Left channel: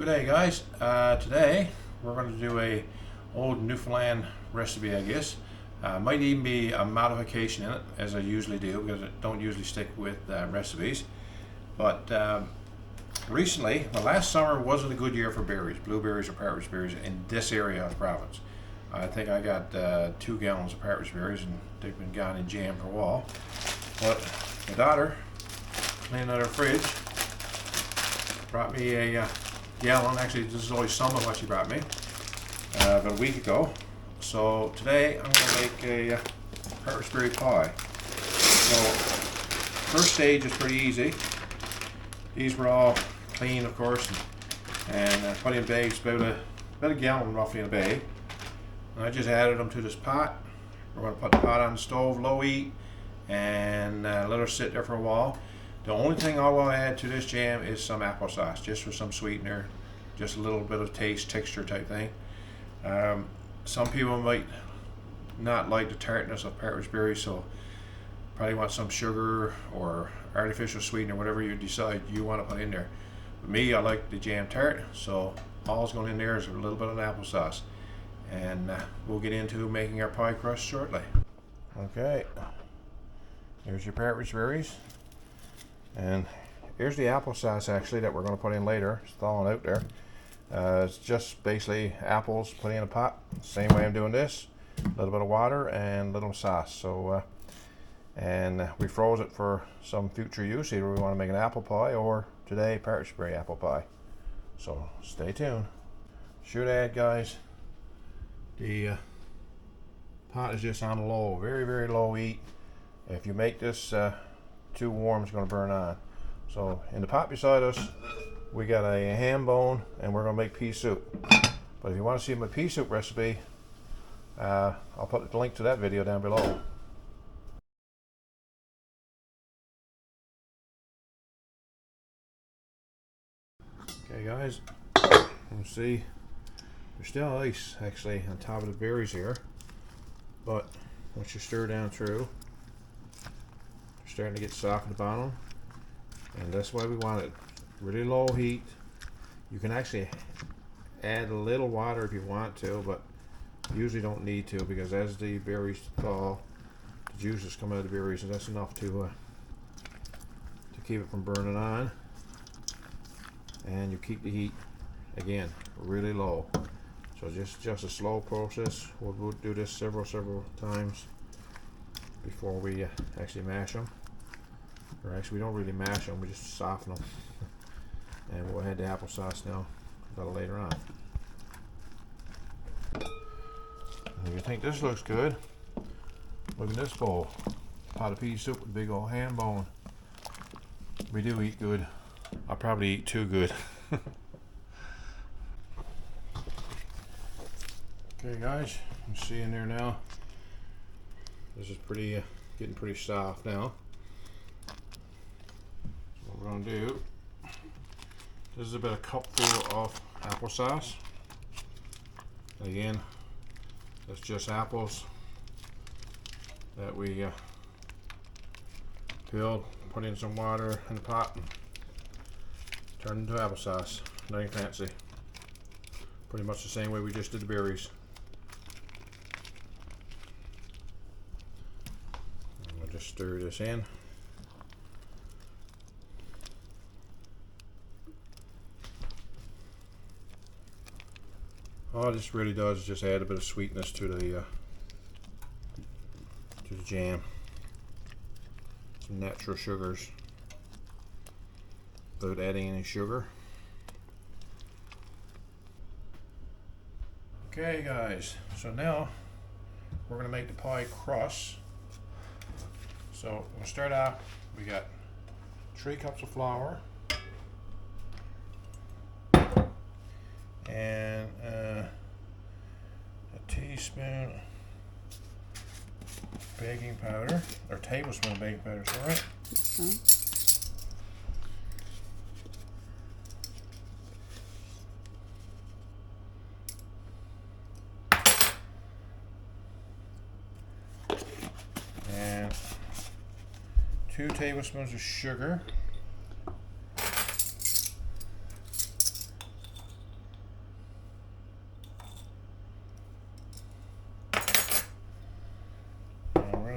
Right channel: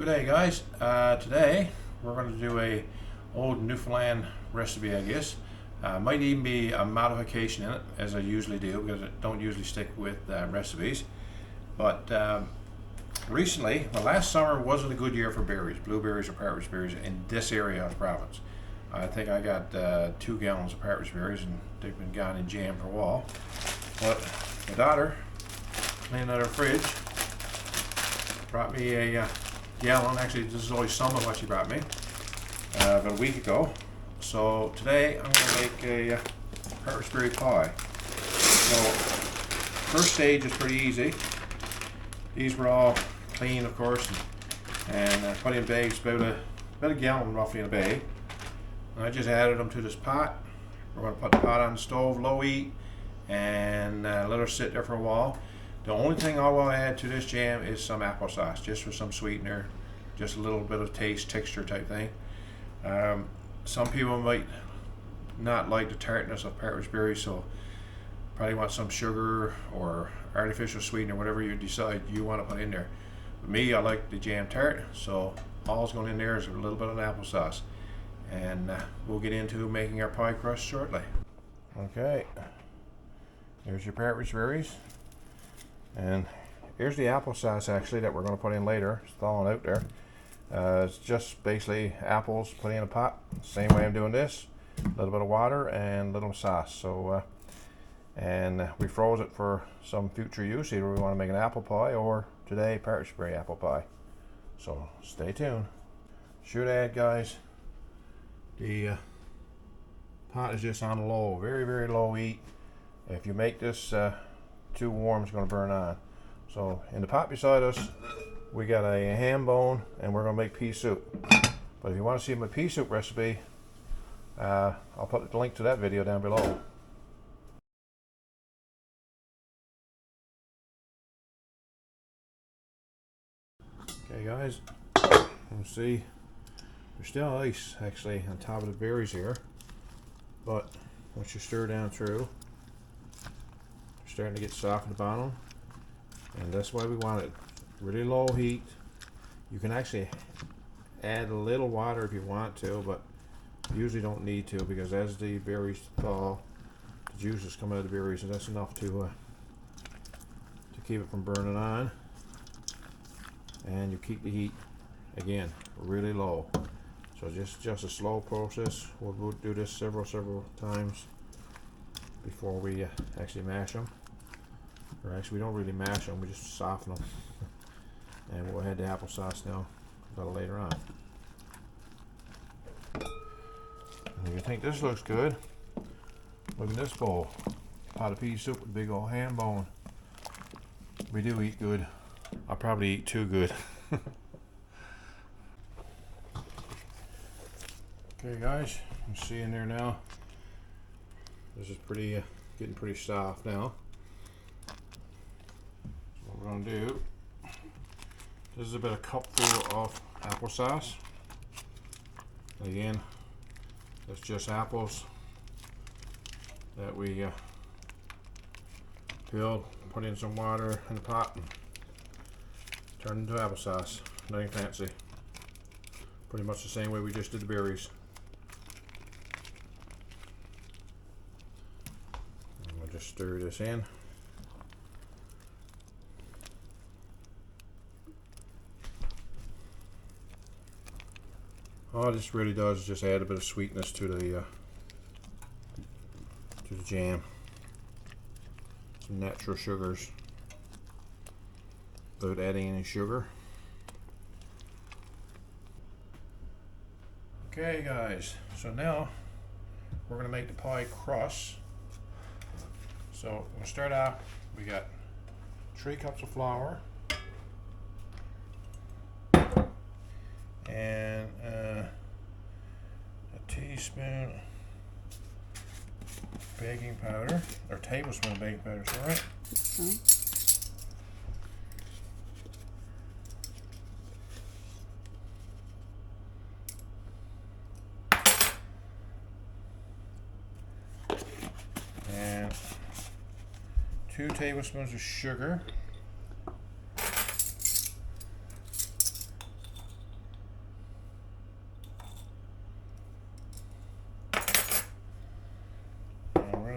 Good day, guys. Today we're going to do a old Newfoundland recipe, I guess. Might even be a modification in it, as I usually do, because I don't usually stick with recipes. But recently, well, last summer wasn't a good year for berries, blueberries or partridge berries in this area of the province. I think I got 2 gallons of partridge berries, and they've been gone in jam for a while. But my daughter, cleaning out her fridge, brought me a gallon. Actually, this is only some of what she brought me about a week ago. So today I'm going to make a Partridgeberry pie. So first stage is pretty easy. These were all clean, of course, and put in bags, about a gallon roughly in a bag. And I just added them to this pot. We're going to put the pot on the stove, low heat, and let her sit there for a while. The only thing I will add to this jam is some applesauce, just for some sweetener, just a little bit of taste, texture type thing. Some people might not like the tartness of partridge berries, so probably want some sugar or artificial sweetener, whatever you decide you want to put in there. For me, I like the jam tart, so all's going in there is a little bit of applesauce. And we'll get into making our pie crust shortly. Okay, here's your partridge berries. And here's the applesauce actually that we're going to put in later. It's thawing out there. It's just basically apples put in a pot. Same way I'm doing this. A little bit of water and a little sauce. So, and we froze it for some future use. Either we want to make an apple pie or today partridgeberry apple pie. So stay tuned. Should add, guys, the pot is just on low, very, very low heat. If you make this too warm, it's going to burn on. So in the pot beside us we got a ham bone, and we're going to make pea soup. But if you want to see my pea soup recipe, I'll put the link to that video down below. Okay guys, you can see there's still ice actually on top of the berries here, but once you stir down through, starting to get soft at the bottom, and that's why we want it really low heat. You can actually add a little water if you want to, but usually don't need to, because as the berries thaw, the juices come out of the berries, and that's enough to keep it from burning on. And you keep the heat again really low. So just a slow process. We'll do this several times before we actually mash them. Or actually, we don't really mash them, we just soften them. And we'll add the applesauce now, a little later on. And if you think this looks good, look at this bowl. Pot of pea soup with big old ham bone. We do eat good. I'll probably eat too good. Okay guys, you can see in there now. This is pretty, getting pretty soft now. What we're going to do, this is about a cupful of applesauce. Again, that's just apples that we peeled, put in some water in the pot, and turned into applesauce. Nothing fancy. Pretty much the same way we just did the berries. And we'll just stir this in. All this really does is just add a bit of sweetness to the jam. Some natural sugars without adding any sugar. Okay guys, so now we're going to make the pie crust. So we'll start off, we got 3 cups of flour and a teaspoon baking powder, or tablespoon baking powder, is that right? Okay. And 2 tablespoons of sugar.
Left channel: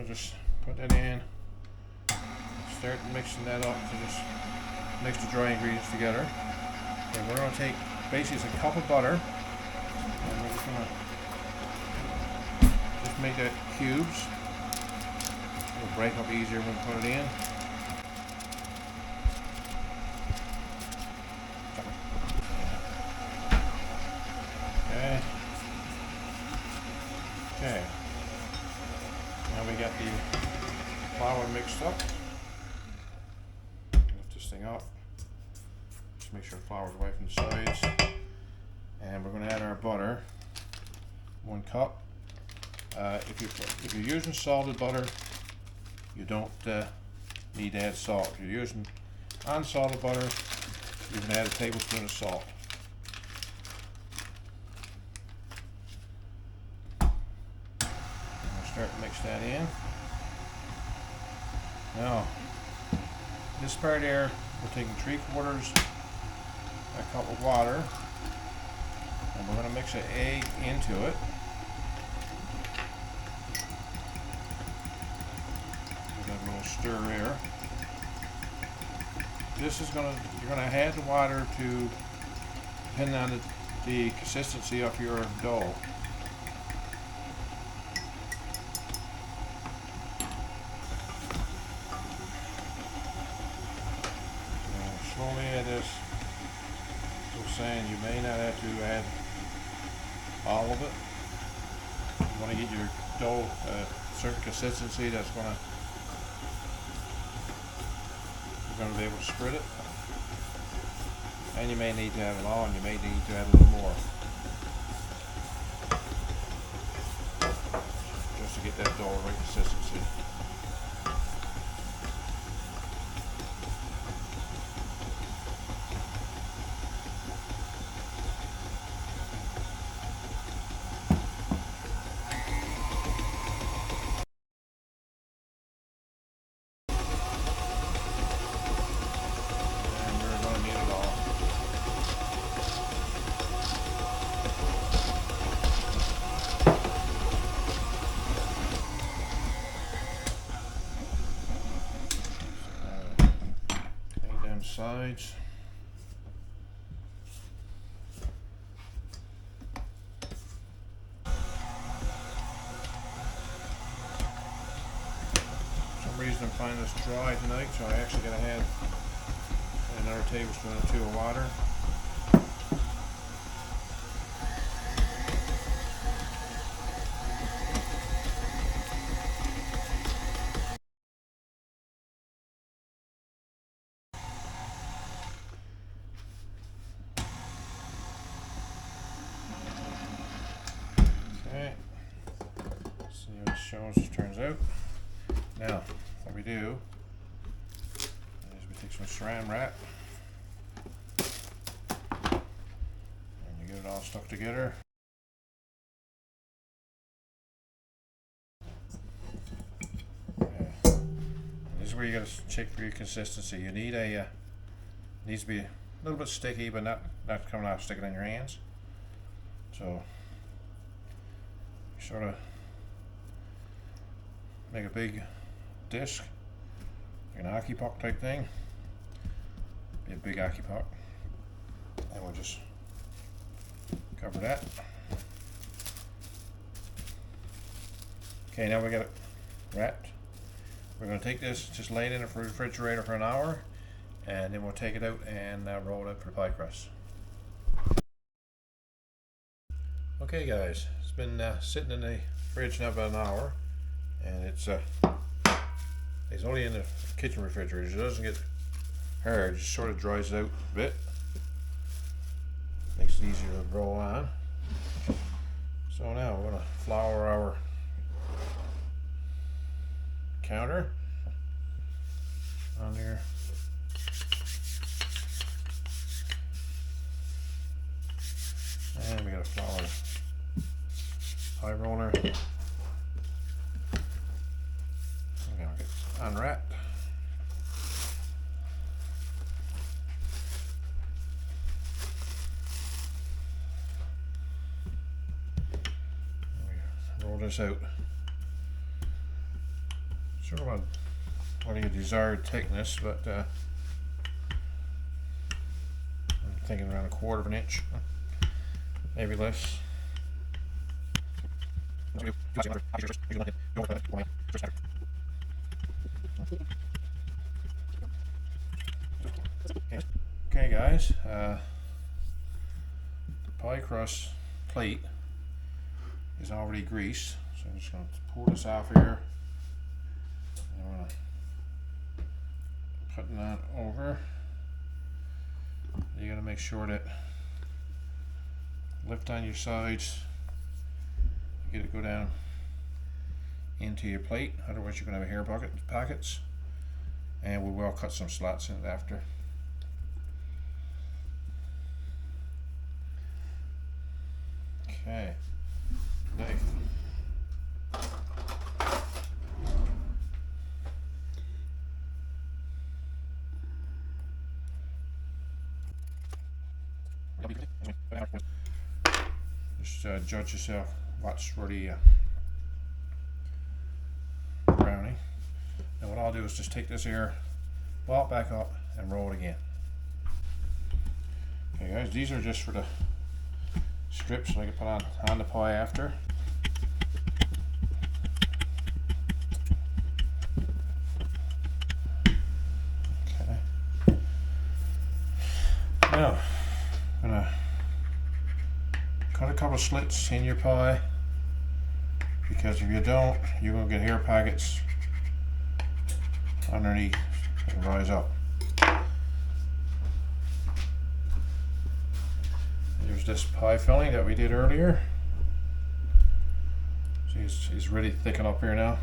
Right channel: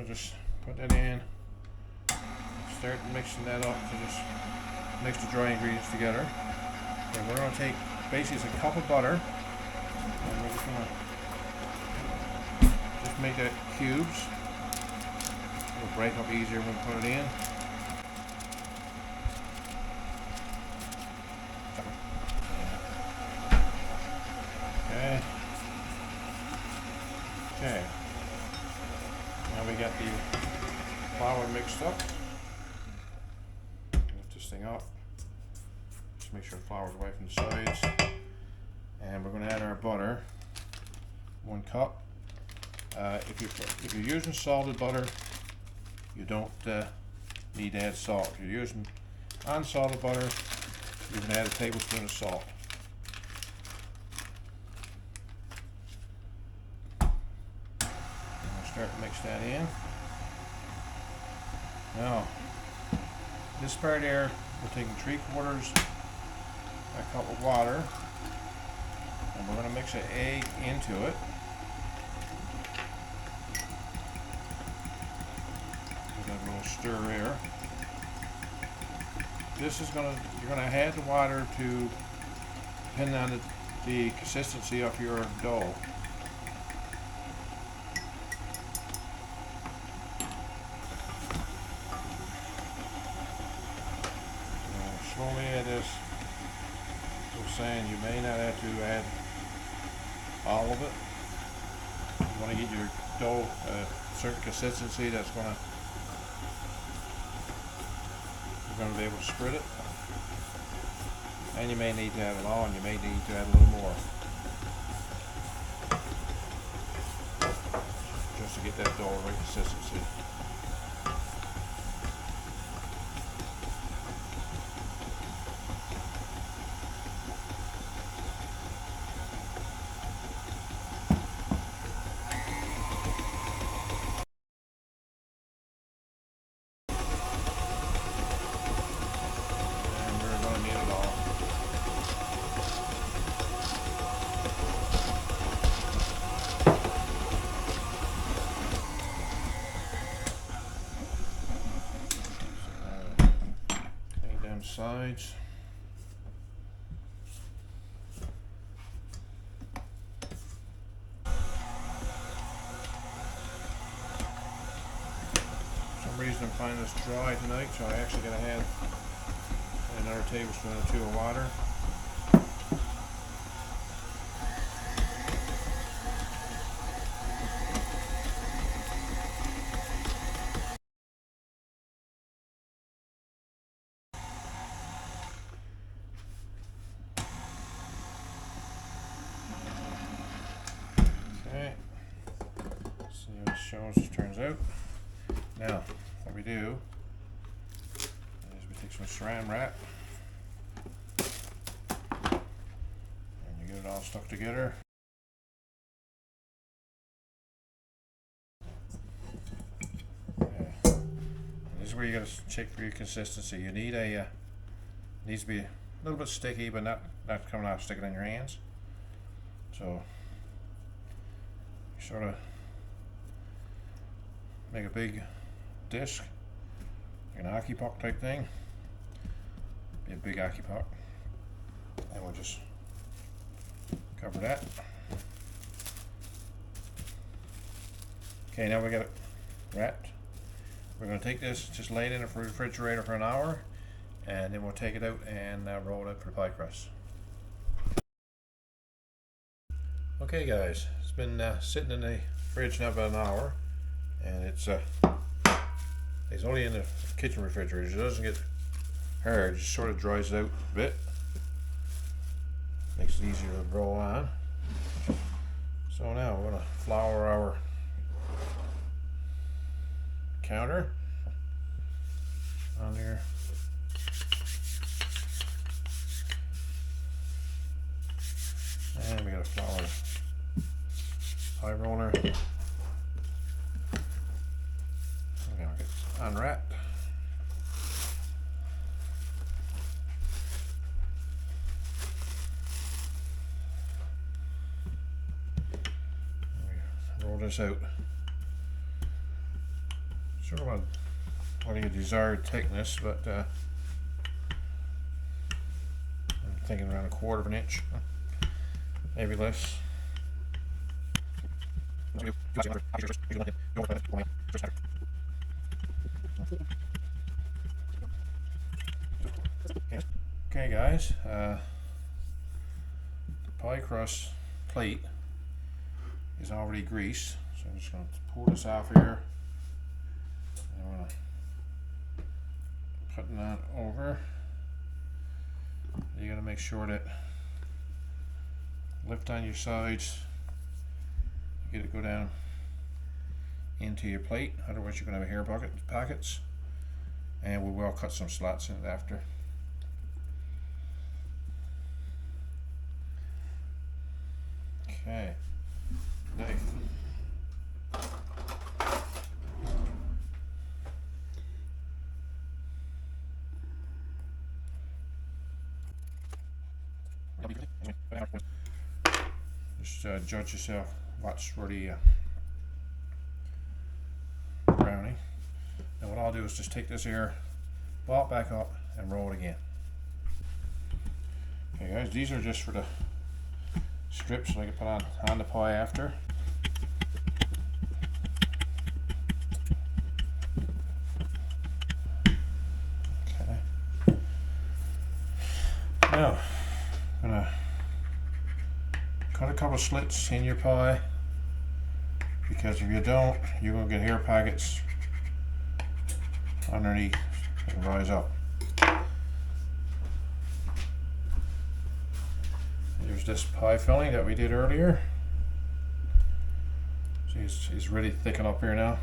going to just put that in, start mixing that up to just mix the dry ingredients together. And we're going to take basically it's a cup of butter, and we're just going to just make that cubes. It'll break up easier when we put it in. Okay. Okay. Now we got the flour mixed up. Lift this thing up. Just make sure the flour's away from the sides. And we're going to add our butter. 1 cup. If you're using salted butter, you don't need to add salt. If you're using unsalted butter, you can add a tablespoon of salt. Start to mix that in. Now, this part here, we're taking 3/4 a cup of water, and we're going to mix an egg into it. Give that a little stir here. This is you're going to add the water to depending on the consistency of your dough. Slowly add this. As I was saying, you may not have to add all of it. You want to get your dough a certain consistency that's you're going to be able to spread it. And you may need to have it all, and you may need to add a little more. Just to get that dough right consistency. Sides. For some reason I'm finding this dry tonight, so I actually gotta add another tablespoon or 2 of water. See what it shows, it turns out. Now, what we do is we take some saran wrap and you get it all stuck together. Okay. This is where you gotta check for your consistency. You need needs to be a little bit sticky, but not coming out sticking in your hands. So you sort of make a big disc, like an hockey puck type thing. Be a big hockey puck, and we'll just cover that. Okay, now we got it wrapped. We're going to take this, just lay it in the refrigerator for an hour, and then we'll take it out and roll it up for the pie crust. Okay guys, it's been sitting in the fridge now about an hour, and it's only in the kitchen refrigerator. It doesn't get hard, it just sort of dries it out a bit. Makes it easier to roll on. So now we're going to flour our counter on here. And we got a flour pie roller. I'm gonna get unwrapped. Roll this out. sort of a desired thickness, but I'm thinking around 1/4 of an inch, maybe less. Okay guys, the pie crust plate is already greased, so I'm just going to pour this off here. I'm going to put that over. You got to make sure that lift on your sides, you get it go down into your plate, otherwise you're going to have hair pockets, and we will cut some slots in it after. Okay, knife. Just judge yourself what's really browning. And what I'll do is just take this here, ball it back up, and roll it again. Okay guys, these are just for the strips so I can put on the pie after. Okay. Now, I'm gonna cut a couple slits in your pie, because if you don't, you're gonna get hair pockets underneath and rise up. There's this pie filling that we did earlier. See, it's really thickened up here now.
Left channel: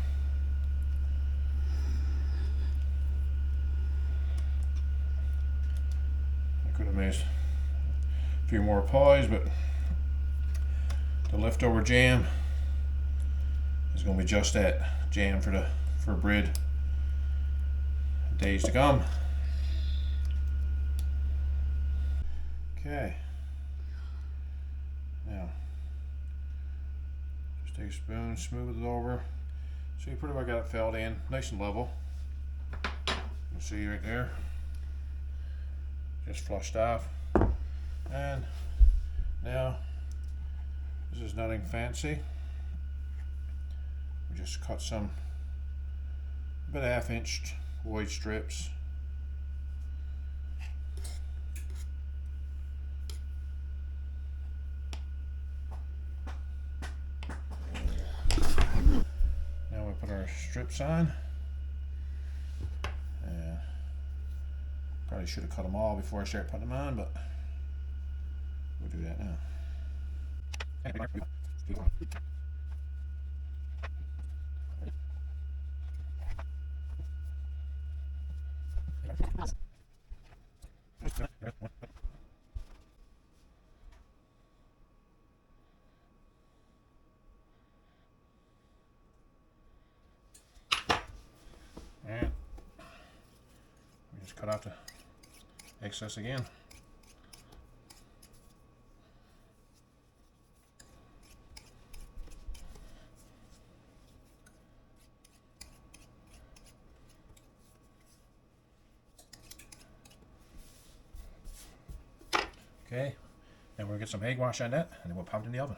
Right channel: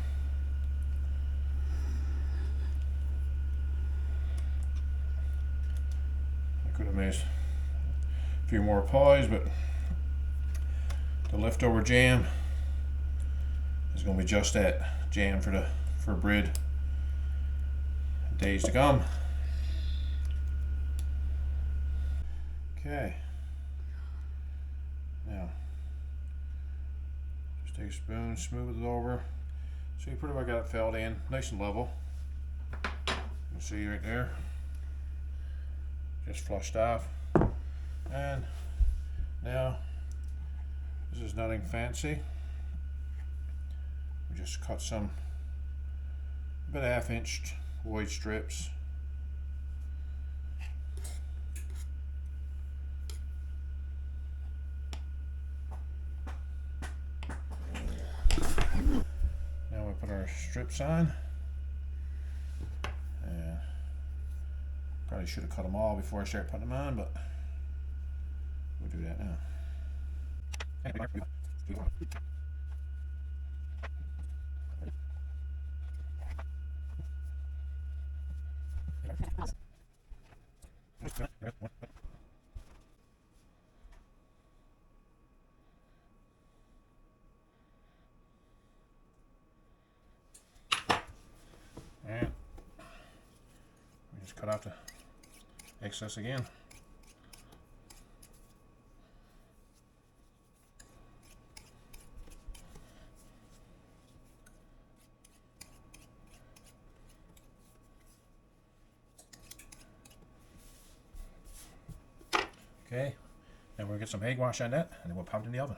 I could have made a few more pies, but the leftover jam is going to be just that, jam for bread days to come. Okay. Now, just take a spoon, smooth it over. So you pretty much got it filled in, nice and level. You see right there, just flushed off. And now, this is nothing fancy. We just cut some about 1/2 inch wide strips. Now we put our strips on, and probably should have cut them all before I start putting them on, but we'll do that now. Alright, we just cut out the excess again. Okay, now we'll get some egg wash on it, and then we'll pop it in the oven.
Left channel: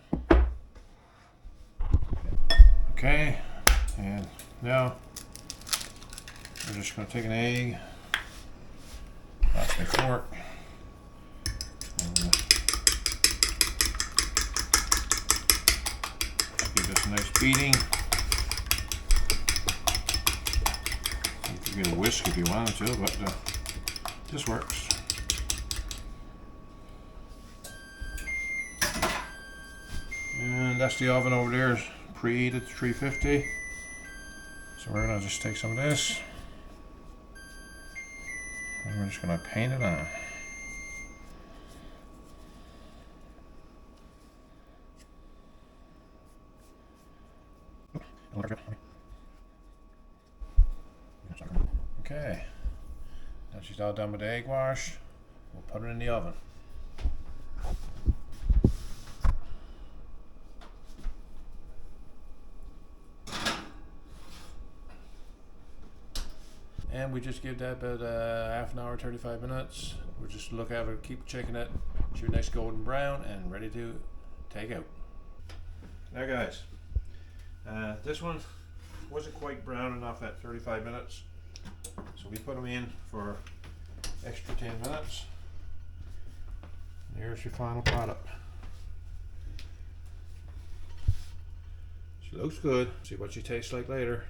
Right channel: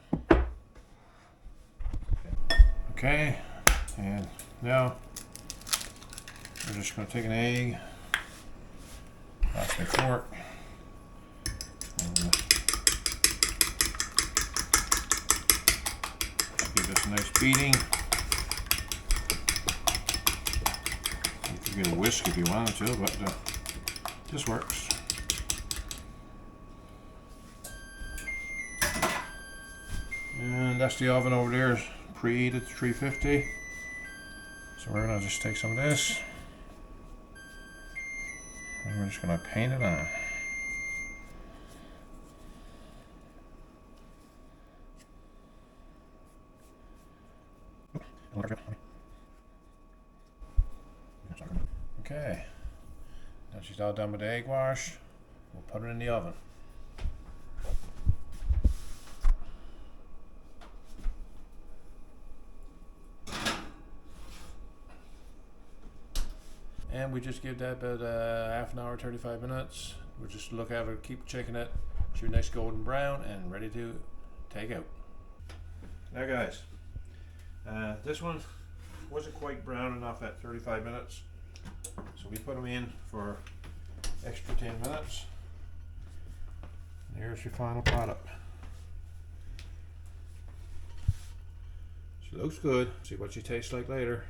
Okay, and now we're just going to take an egg, pass my fork, and give this a nice beating. You could get a whisk if you wanted to, but this works. And that's the oven over there, is preheated to 350. So we're going to just take some of this, and we're just going to paint it on. Okay, now she's all done with the egg wash. We'll put it in the oven. and we just give that about half an hour, 35 minutes. We'll just look at it, keep checking it. It's your nice golden brown and ready to take out. Now guys, this one wasn't quite brown enough at 35 minutes, so we put them in for extra 10 minutes. And here's your final product. She looks good. See what she tastes like later.